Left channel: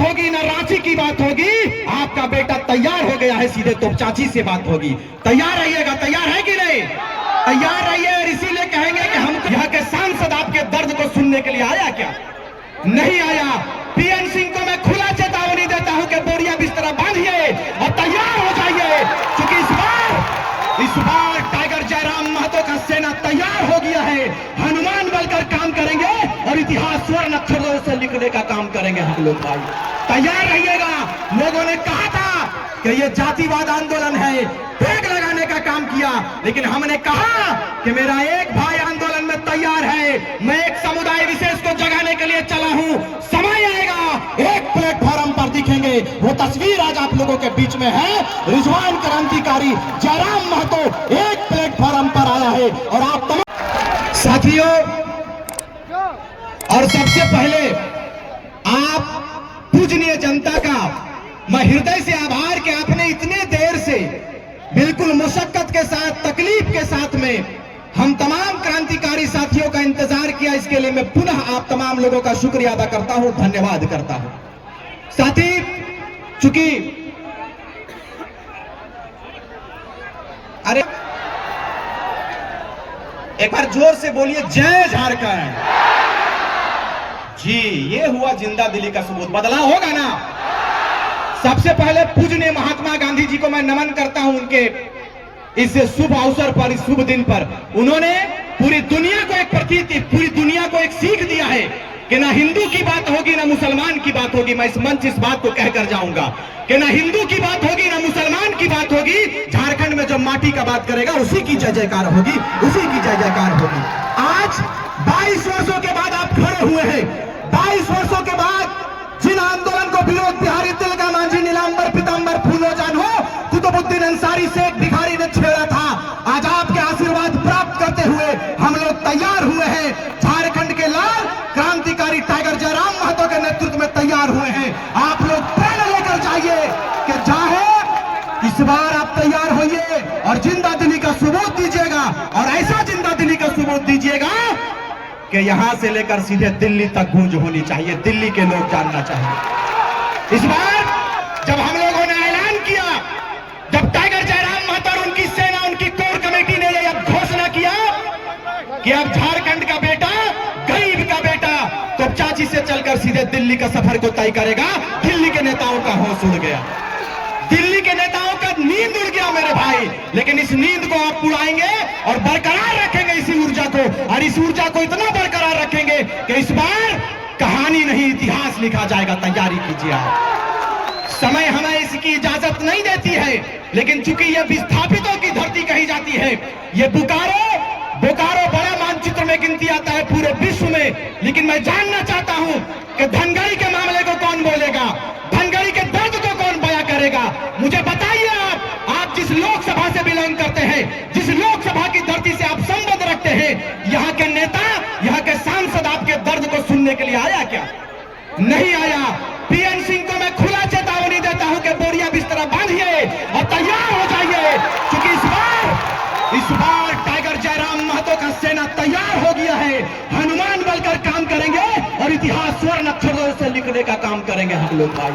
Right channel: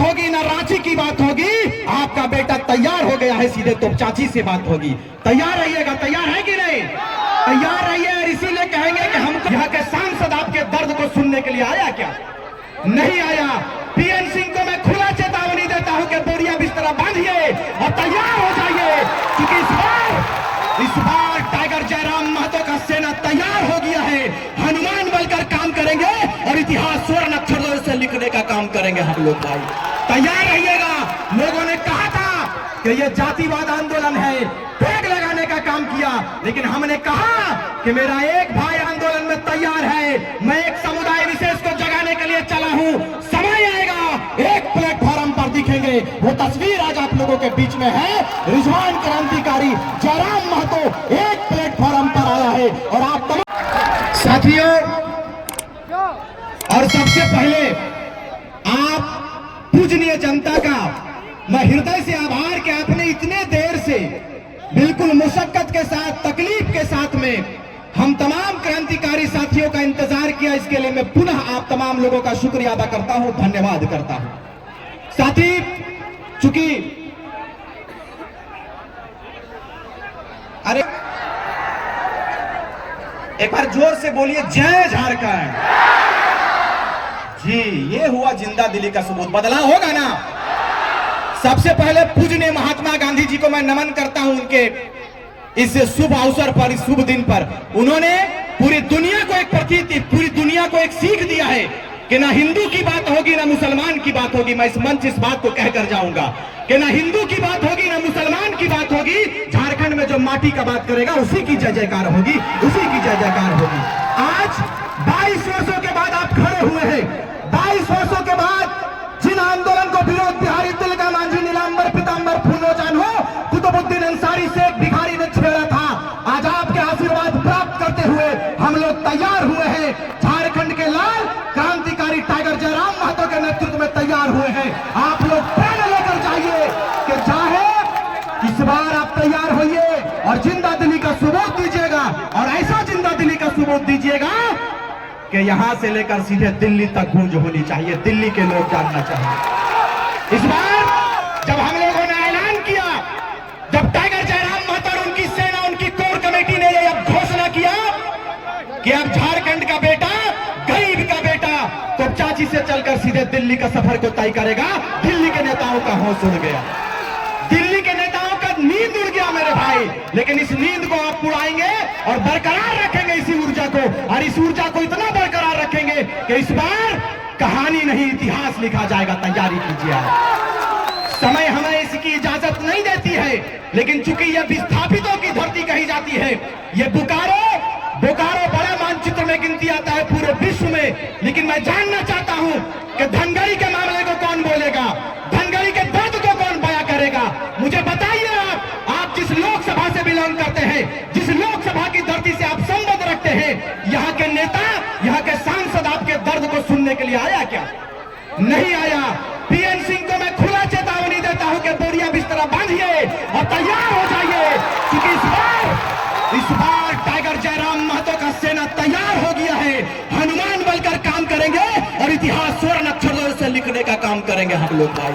बात होगी ना रांची की बात होगी। आपका बेटा तैयार हो गया है, सीधे तोपचाची से बात होगी। तैयार रहिएगा, तैयार है कि नहीं? तैयार रहिए। और इसीलिए कहेंगे कि हम यहाँ के सांसद आपके दर्द को सुनने के लिए आया क्या? नहीं आया। पीएन सिंह को मैं खुला चेतावनी देता हूं कि बोरिया बिस्तर बांधिए और तैयार हो जाइए, क्योंकि इस बार टाइगर जयराम महतो का सेना तैयार हो गया है। हनुमान बनकर काम करेंगे और इतिहास स्वर्ण अक्षरों से लिखने का काम करेंगे हम लोग भाई। तैयार रहिएगा। लोगों ने कहा था कि ये जातिवाद आंदोलन है, टैग लगाने का काम किया, लेकिन हमने कहा कि मेरा एक भाई आंदोलन में तैयार है। मैं एक समुदाय विशेष को जगाने के लिए चला हूं। समय आएगा, एक प्लेटफॉर्म पर दिखेंगे। वो तस्वीर आज आप लोगों के बीच में है। रिजवान क्रांतिकारी जयराम महतो एक प्लेटफॉर्म पर आया है। और आप तमाम साथियों, और सबसे पहले आप पूजनीय जनता का मैं हृदय से आभार कि आपने इतने देर से बिल्कुल मुशक्कत के साथ, तकलीफ के साथ में हम तमाम क्रांतिकारी साथियों का इंतजार किया। इसके लिए मैं पुनः आप तमाम लोगों का शुक्रिया अदा करता हूं, धन्यवाद करता हूं। साथी, चूंकि अरे एक बार जोर से बोलिए, जय झारखंड। जी, ये हुआ जिंदा दिली का सबूत। बदलाव होगा ना? सबसे पहले पूजनीय महात्मा गांधी जी को मैं नमन करता हूं। उनके इस शुभ अवसर पर, इस शुभ दिन पर उन्होंने पूरी दुनिया को एक प्रतीक, पूरी दुनिया को एक सीख दिया है कि ना हिंदू की बात होगी ना मुसलमान की बात होगी। मैं इस मंच इस बात को कहकर जाऊंगा कि ना हिंदू की बात होगी ना मुसलमान की बात होगी। झारखंड में जो माटी का बात करेगा उसी की जय जयकार होगी, उसी की जय जयकार होगी। आज 22 वर्षों के बाद आप खड़े हुए हैं। 22 वर्षों के बाद जिन आंदोलन को विनोद बिहारी, तिलका मांझी, नीलांबर पीतांबर, फूलो जानो, कुतुबुद्दीन अंसारी, शेख भिखारी ने छेड़ा था, आज आपके आशीर्वाद प्राप्त करते हुए हम लोग तैयार हुए हैं। झारखंड के लाल क्रांतिकारी टाइगर जयराम महतो के नेतृत्व में तैयार हुए हैं। आप लोग प्रेरणा लेकर जाइए कि चाहे इस बार आप तैयार होइए और जिंदा दिली का सबूत दीजिएगा। और ऐसा जिंदा दिली का सबूत दीजिएगा कि यहां से लेकर सीधे दिल्ली तक गूंज होनी चाहिए, दिल्ली के लोग जानना चाहिए। इस बार जब हम लोगों ने ऐलान किया, जब टाइगर जयराम महतो और उनकी सेना, उनकी कोर कमेटी ने यह घोषणा किया कि अब झारखंड का बेटा, गरीब का बेटा तोपचाची से चलकर सीधे दिल्ली का सफर को तय करेगा, दिल्ली के नेताओं का होश उड़ गया। दिल्ली के नेताओं का नींद उड़ गया मेरे भाई। लेकिन इस नींद को आप उड़ाएंगे और बरकरार रखेंगे इसी ऊर्जा को, और इस ऊर्जा को इतना बरकरार रखेंगे कि इस बार कहानी नहीं इतिहास लिखा जाएगा। तैयारी कीजिए आप। समय हमें इसकी इजाजत नहीं देती है, लेकिन चूंकि यह विस्थापितों की धरती कही जाती है, ये बोकारो बड़ा मानचित्र में गिनती आता है पूरे विश्व में। लेकिन मैं जानना चाहता हूं कि धनगढ़ी के मामले को कौन बोलेगा, धनगढ़ी के दर्द को कौन बयां करेगा? मुझे बताइए। आप जिस लोकसभा से बिलोंग करते हैं, जिस लोकसभा की धरती से आप संबंध रखते हैं, यहाँ के नेता, यहाँ के सांसद आपके दर्द को सुनने के लिए आया क्या? नहीं आया। पीएन सिंह को मैं खुला चेतावनी देता हूं कि बोरिया बिस्तर बांधिए और तैयार हो जाइए, क्योंकि इस बार टाइगर जयराम महतो का सेना तैयार हो गया है। हनुमान बनकर काम करेंगे और इतिहास स्वर्ण अक्षरों से लिखने का काम करेंगे हम लोग भाई।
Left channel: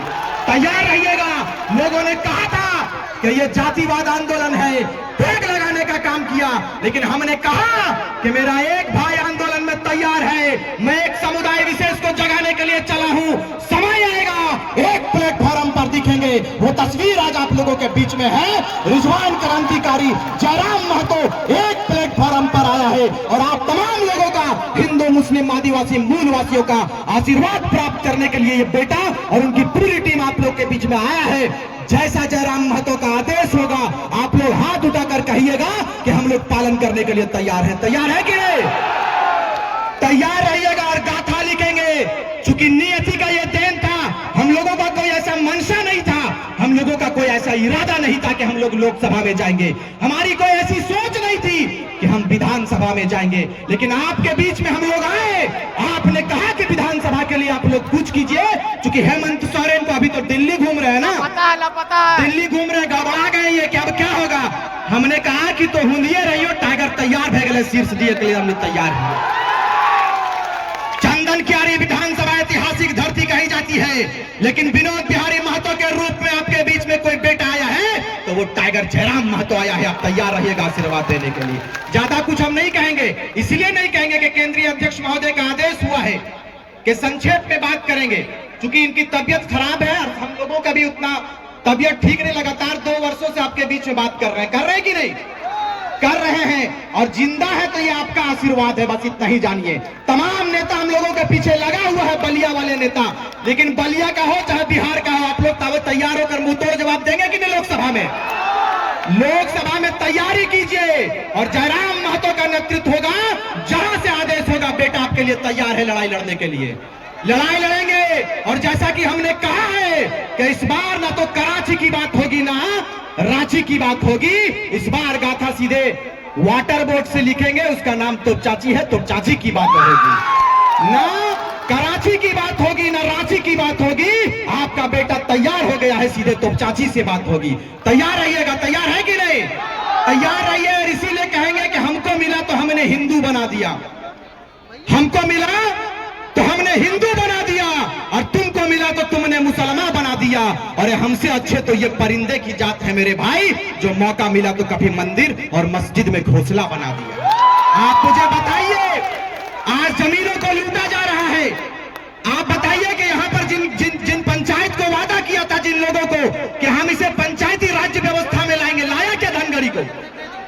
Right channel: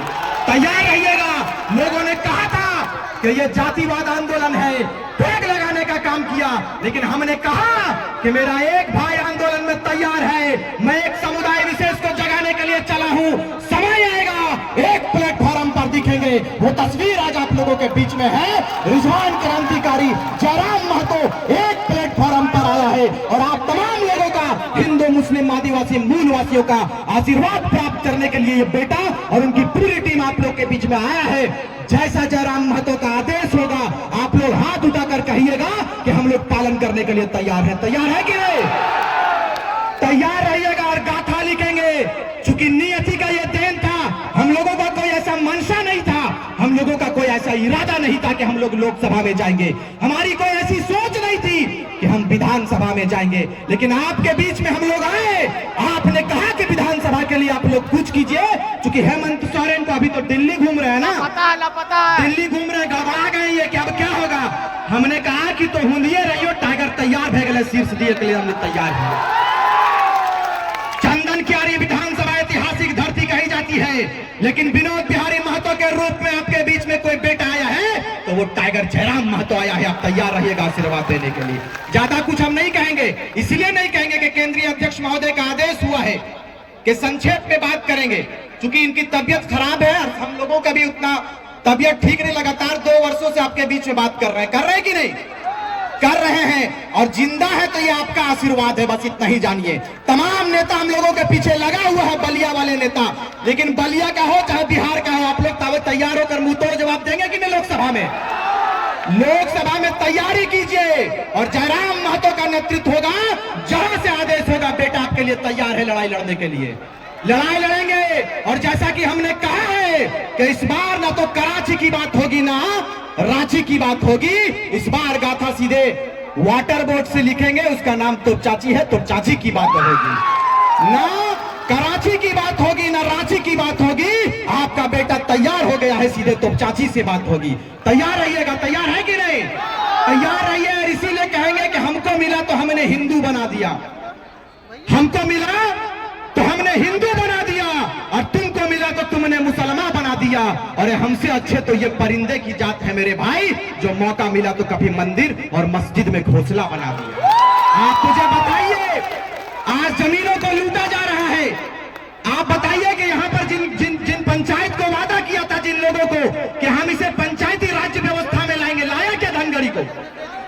तैयार रहिएगा। लोगों ने कहा था कि ये जातिवाद आंदोलन है, टैग लगाने का काम किया, लेकिन हमने कहा कि मेरा एक भाई आंदोलन में तैयार है। मैं एक समुदाय विशेष को जगाने के लिए चला हूं। समय आएगा, एक प्लेटफॉर्म पर दिखेंगे। वो तस्वीर आज आप लोगों के बीच में है। रिजवान क्रांतिकारी जयराम महतो एक प्लेटफॉर्म पर आया है। और आप तमाम लोगों का, हिंदू, मुस्लिम, आदिवासी, मूलवासियों का आशीर्वाद प्राप्त करने के लिए ये बेटा और उनकी पूरी टीम आप लोग के बीच में आया है। जैसा जयराम महतो का आदेश होगा, आप लोग हाथ उठाकर कहिएगा कि हम लोग पालन करने के लिए तैयार हैं। तैयार है कि नहीं? तैयार रहिएगा और गाथा लिखेंगे। चूंकि नियति का ये देन था, हम लोगों का कोई ऐसा मंशा नहीं था, हम लोगों का कोई ऐसा इरादा नहीं था कि हम लोग लोकसभा में जाएंगे। हमारी कोई ऐसी सोच नहीं थी कि हम विधानसभा में जाएंगे। लेकिन आपके बीच में हम लोग आए। आपने कहा कि विधानसभा के लिए आप लोग कुछ कीजिए। चूंकि हेमंत सोरेन तो अभी तो दिल्ली घूम रहे हैं ना, पता है। दिल्ली घूम रहे, गड़बड़ा गए ये कि अब क्या होगा। हमने कहा कि तो हुंदिए रहियो, टाइगर तैयार भे गए, शीर्ष दिए के लिए हम लोग तैयार हैं। चंदन क्यारी विधानसभा ऐतिहासिक धरती कही जाती बाकी है, लेकिन विनोद बिहारी महतो के रूप में आपके बीच में कोई बेटा आया है तो वो टाइगर जयराम महतो आया है। आप तैयार रहिएगा आशीर्वाद देने के लिए। ज्यादा कुछ हम नहीं कहेंगे, इसलिए नहीं कहेंगे कि केंद्रीय अध्यक्ष महोदय का आदेश हुआ है कि संक्षेप में बात करेंगे, क्योंकि इनकी तबियत खराब है और हम लोगों का भी उतना तबियत ठीक नहीं। लगातार 2 वर्षों से आपके बीच में बात कर रहे हैं कि नहीं कर रहे हैं, और जिंदा है तो ये आपका आशीर्वाद है, बस इतना ही जानिए। तमाम नेता हम लोगों के पीछे लगा हुआ है, बलिया वाले नेता, लेकिन बलिया का हो चाहे बिहार का हो, आप लोग तैयार होकर मुंह तोड़ जवाब देंगे कि नहीं लोकसभा में? लोकसभा में तैयारी कीजिए और जयराम महतो का नेतृत्व होगा, जहां से आदेश होगा बेटा आपके लिए तैयार है लड़ाई लड़ने के लिए। लड़ाई लड़ेंगे, और जैसा कि हमने कहा है कि इस बार ना तो कराची की बात होगी ना रांची की बात होगी, इस बार गाथा सीधे वाटर बोर्ड से लिखेंगे, उसका नाम तोपचाची है, तोपचाची की बात होगी। ना कराची की बात होगी ना रांची की बात होगी, आपका बेटा तैयार हो गया है, सीधे तोपचाची से बात होगी। तैयार रहिएगा, तैयार है कि नहीं? तैयार रहिए। और इसीलिए कहेंगे कि हमको मिला तो हमने हिंदू बना दिया, हमको मिला तो हमने हिंदू बना दिया, और तुमको मिला तो तुमने मुसलमान बना दिया। और हमसे अच्छे तो ये परिंदे की जात है मेरे भाई, जो मौका मिला तो कभी मंदिर और मस्जिद में घोंसला बना दिया। आप मुझे बताइए, आज जमीनों को लूटा जा रहा है। आप बताइए कि यहाँ पर जिन पंचायत को वादा किया था जिन लोगों को कि हम इसे पंचायती राज्य व्यवस्था में लाएंगे, लाया क्या धनगढ़ी को?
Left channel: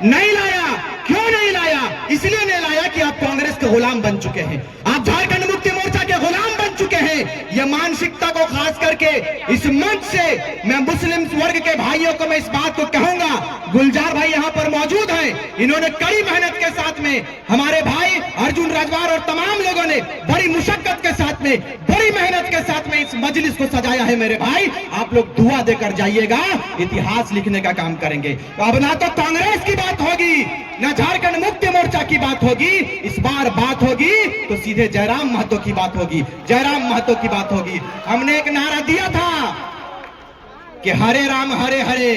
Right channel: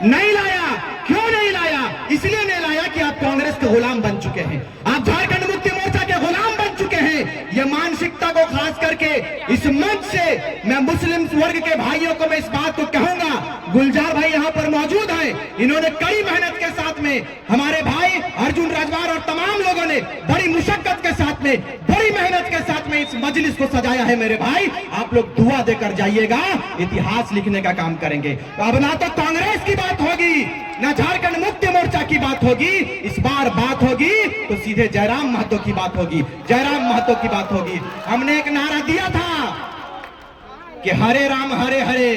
नहीं लाया। क्यों नहीं लाया? इसलिए नहीं लाया कि आप कांग्रेस के गुलाम बन चुके हैं, आप झारखंड मुक्ति मोर्चा के गुलाम बन चुके हैं। ये मानसिकता को खास करके इस मंच से मैं मुस्लिम वर्ग के भाइयों को मैं इस बात को कहूंगा, गुलजार भाई यहाँ पर मौजूद हैं, इन्होंने कड़ी मेहनत के साथ में, हमारे भाई अर्जुन राजवार और तमाम लोगों ने बड़ी मुशक्कत के साथ में, बड़ी मेहनत के साथ में इस मजलिस को सजाया है। मेरे भाई आप लोग दुआ देकर जाइएगा, इतिहास लिखने का काम करेंगे। अब ना तो कांग्रेस की बात होगी ना झारखंड मुक्ति मोर्चा की बात होगी, इस बार बात होगी तो सीधे जयराम महतो की बात होगी, जयराम महतो की बात होगी। हमने एक नारा दिया था कि हरे राम हरे हरे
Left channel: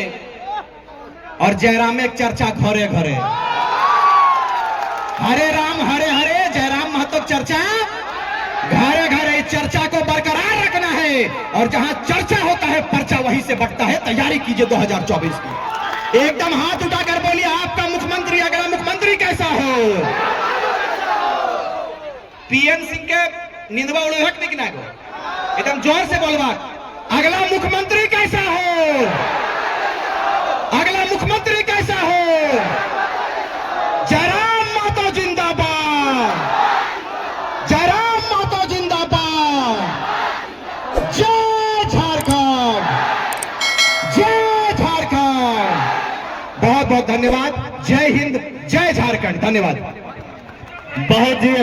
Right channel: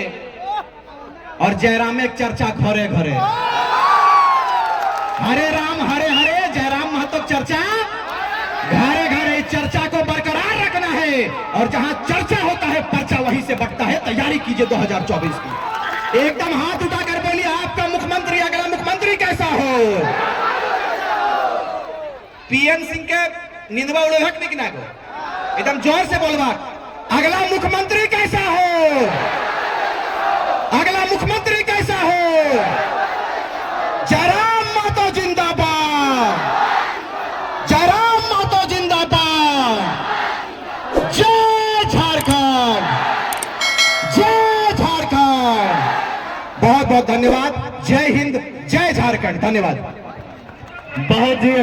और जयराम एक चर्चा घरे घरे। हरे राम हरे हरे, जयराम महतो चर्चा घरे घरे। इस चर्चा को बरकरार रखना है, और जहां चर्चा होता है पर्चा वहीं से बढ़ता है। तैयारी कीजिए 2024 की। एकदम हाथ उठाकर बोलिए, आपका मुख्यमंत्री, अगला मुख्यमंत्री कैसा हो? पीएन सिंह के निंदवा उड़े हक निकना को एकदम जोर से बोलवा, अगला मुख्यमंत्री कैसा हो? अगला मुख्यमंत्री कैसा हो? जयराम महतो जिंदाबाद, जयराम महतो जिंदाबाद। जय झारखंड, जय झारखंड। बहुत बहुत धन्यवाद। जय हिंद, जय झारखंड। धन्यवाद बहुत जी।